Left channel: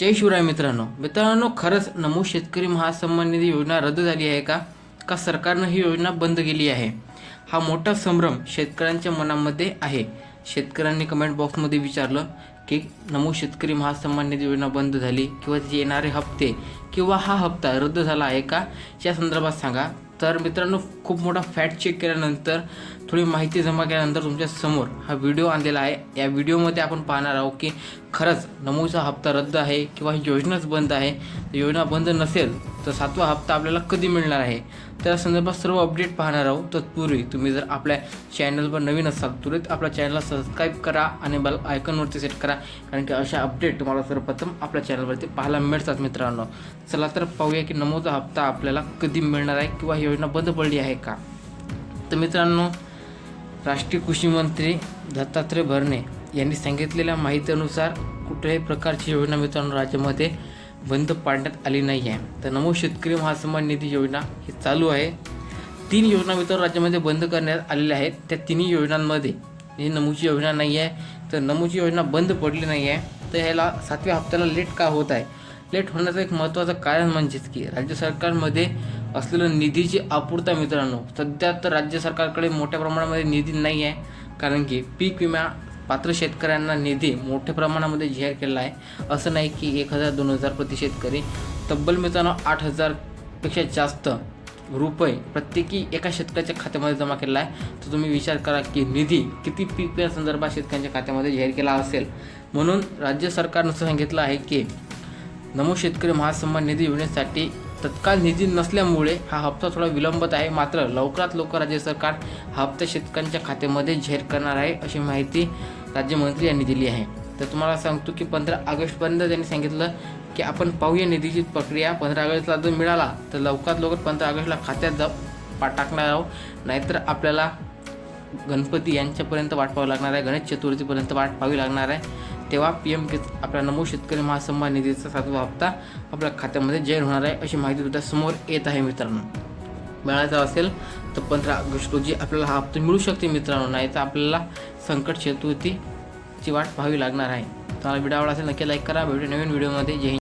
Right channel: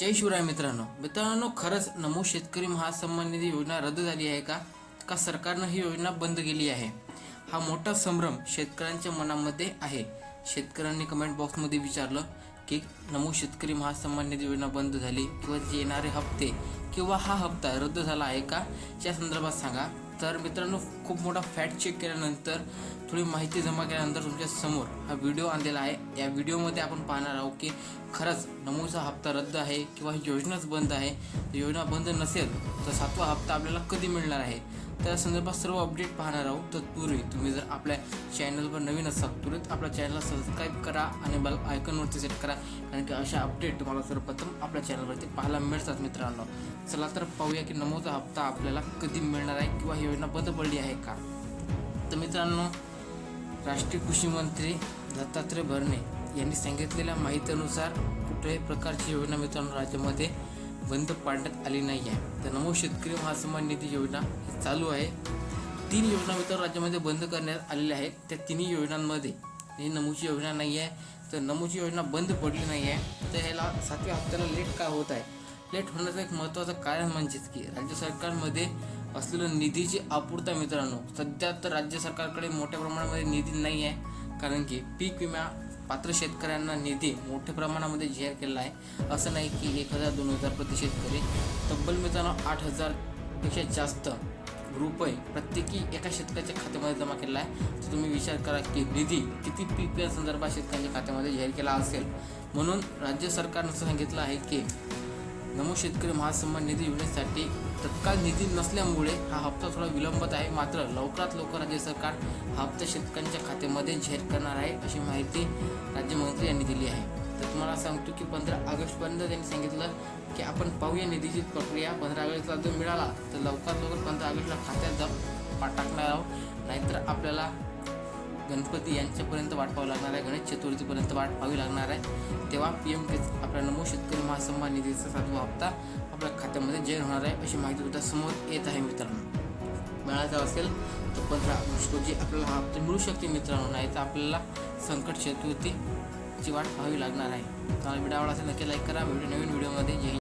जय शिवराय मित्रांनो. मित्रांनो खरंच नमो शेतकरी महासन्मान निधी योजना रद्द झाली आहे का? का सरकारनं ही योजना बंद केली आहे? हा मोठा संभ्रम शेतकऱ्यांच्या मनामध्ये आहे. शेतकऱ्यांनी कमेंट बॉक्समध्ये विचारलं की नमो शेतकरी महासन्मान निधी योजना बंद झाली किंवा येणारे हप्ते किंवा हा हप्ता रद्द झाला आहे का? या संदर्भात सांगा. तर मित्रांनो खूप मोठा फॅक्ट चेक केल्यानंतर थोडी माहिती जमा केल्यानंतर तुमच्यासमोर हा व्हिडिओ आणलेला आहे. या व्हिडिओमध्ये आपण पाहणार आहोत की खरंच नमोचा हप्ता रद्द आहे किंवा ही योजनाच बंद आहे. योजना बंद नसेल तर सातवा हप्ता आपल्याला कधी मिळणार आहे? त्या संदर्भात सर्व अपडेट पाहणार आहोत. तत्पूर्वी तुम्ही जर आपल्या चॅनलवर नवीन असाल तुरंत आपल्या चॅनलला सबस्क्राईब करा आणि बेल आयकॉनवरती सेट करा. कारण की अशा अपडेट तुम्हाला सर्वप्रथम आपल्या चॅनलवरती पाहायला मिळतात मित्रांनो. चला तर पाहूया की नमोचा हप्ता आपल्याला कधी मिळणार आहे किंवा ही योजना बंद पडली आहे का? तर मित्रांनो राष्ट्रीय कृषी मंत्री दत्तात्रय भरणे यांनी सांगितलेल्या माहितीनुसार कुठल्याही प्रकारची योजना मित्रांनो राज्यामध्ये बंद पाडण्यात आली नाही आहे. तर नमो शेतकरी महासन्मान निधी योजना ही चालू आहे. तीन योजना मित्रांनो राज्यामध्ये बंद करण्यात आलेल्या आहेत. त्या तिन्ही योजनांमध्ये ही नमूची योजना नाही आहे. तर नमूची योजना बंद पडली नाही आहे. तर ह्याला सातव्या हप्त्याला लेट का होत आहे? लेट होण्याचं एक महत्त्वाचं कारण म्हणजेच की राज्य सरकारमध्ये असलेलं निधीची आपूर्ता मित्रांनो. सध्या तर राज्य सरकारकडे मोठ्या प्रमाणामध्ये निधी नाही आहे. कारण की पीक विमा पात्र शेतकऱ्यांना निधी मोठ्या प्रमाणामध्ये जाहीर केलेला आहे. असं नाही की एक हजार दोन हजार प्रति शेतकरी. तब्बल मित्रांनो आठ हजारपेक्षा जास्त रुपये प्रत्येकी एका शेतकऱ्याच्या खात्यामध्ये जमा केलेला आहे. तर तुम्ही विचार करा की निधी किती पीक विम्या संदर्भात शेतकऱ्यांच्या खात्यामध्ये जाहीर केला असेल. म्हणून राज्य सरकारनं सांगितलं आहे की नमो शेतकरी महासन्मान निधी योजनेसाठी तत्काळ निधी नसल्यामुळे हा हप्ता थोडा विलंबत आहे. मात्र लवकरात लवकर राज्य सरकार हा हप्ता शेतकऱ्यांच्या खात्यामध्ये जाहीर करणार आहे अशी माहिती राज्यमंत्री यांनी दिली आहे. तर तुम्हाला सांगतो की पंधरा ऑगस्टपर्यंत त्यांनी सांगितलं की आपण पाहूया निधीची प्रक्रिया. पंधरा ऑगस्टला जर मिळाला तर लवकरात लवकर पंधरा ऑगस्टला खात्यात जा टाकणार आहोत. नाहीतर आपल्याला गणपती यांच्यापर्यंत वाट पाहावी लागणार आहे. गणेश चतुर्थीपर्यंत वाट पाहावी लागणार आहे. तेव्हा पी एम किस आपला नमो शेतकरी महासन्मान निधीचा सातवा हप्ता आपल्या खात्यामध्ये जाहीर होणार आहे अशी माहिती सुद्धा समोर येत आहे मित्रांनो. मिळायचा असेल तर पंधरा ऑगस्ट रोजी आपल्याला हा हप्ता मिळू शकते मित्रांनो. नाही तर आपल्याला संकट चतुर्थीची वाट पाहावी लागणार आहे. तुम्हाला व्हिडिओ आवडला असेल नक्की लाईक करा. भेटू नवीन व्हिडिओमध्ये. जय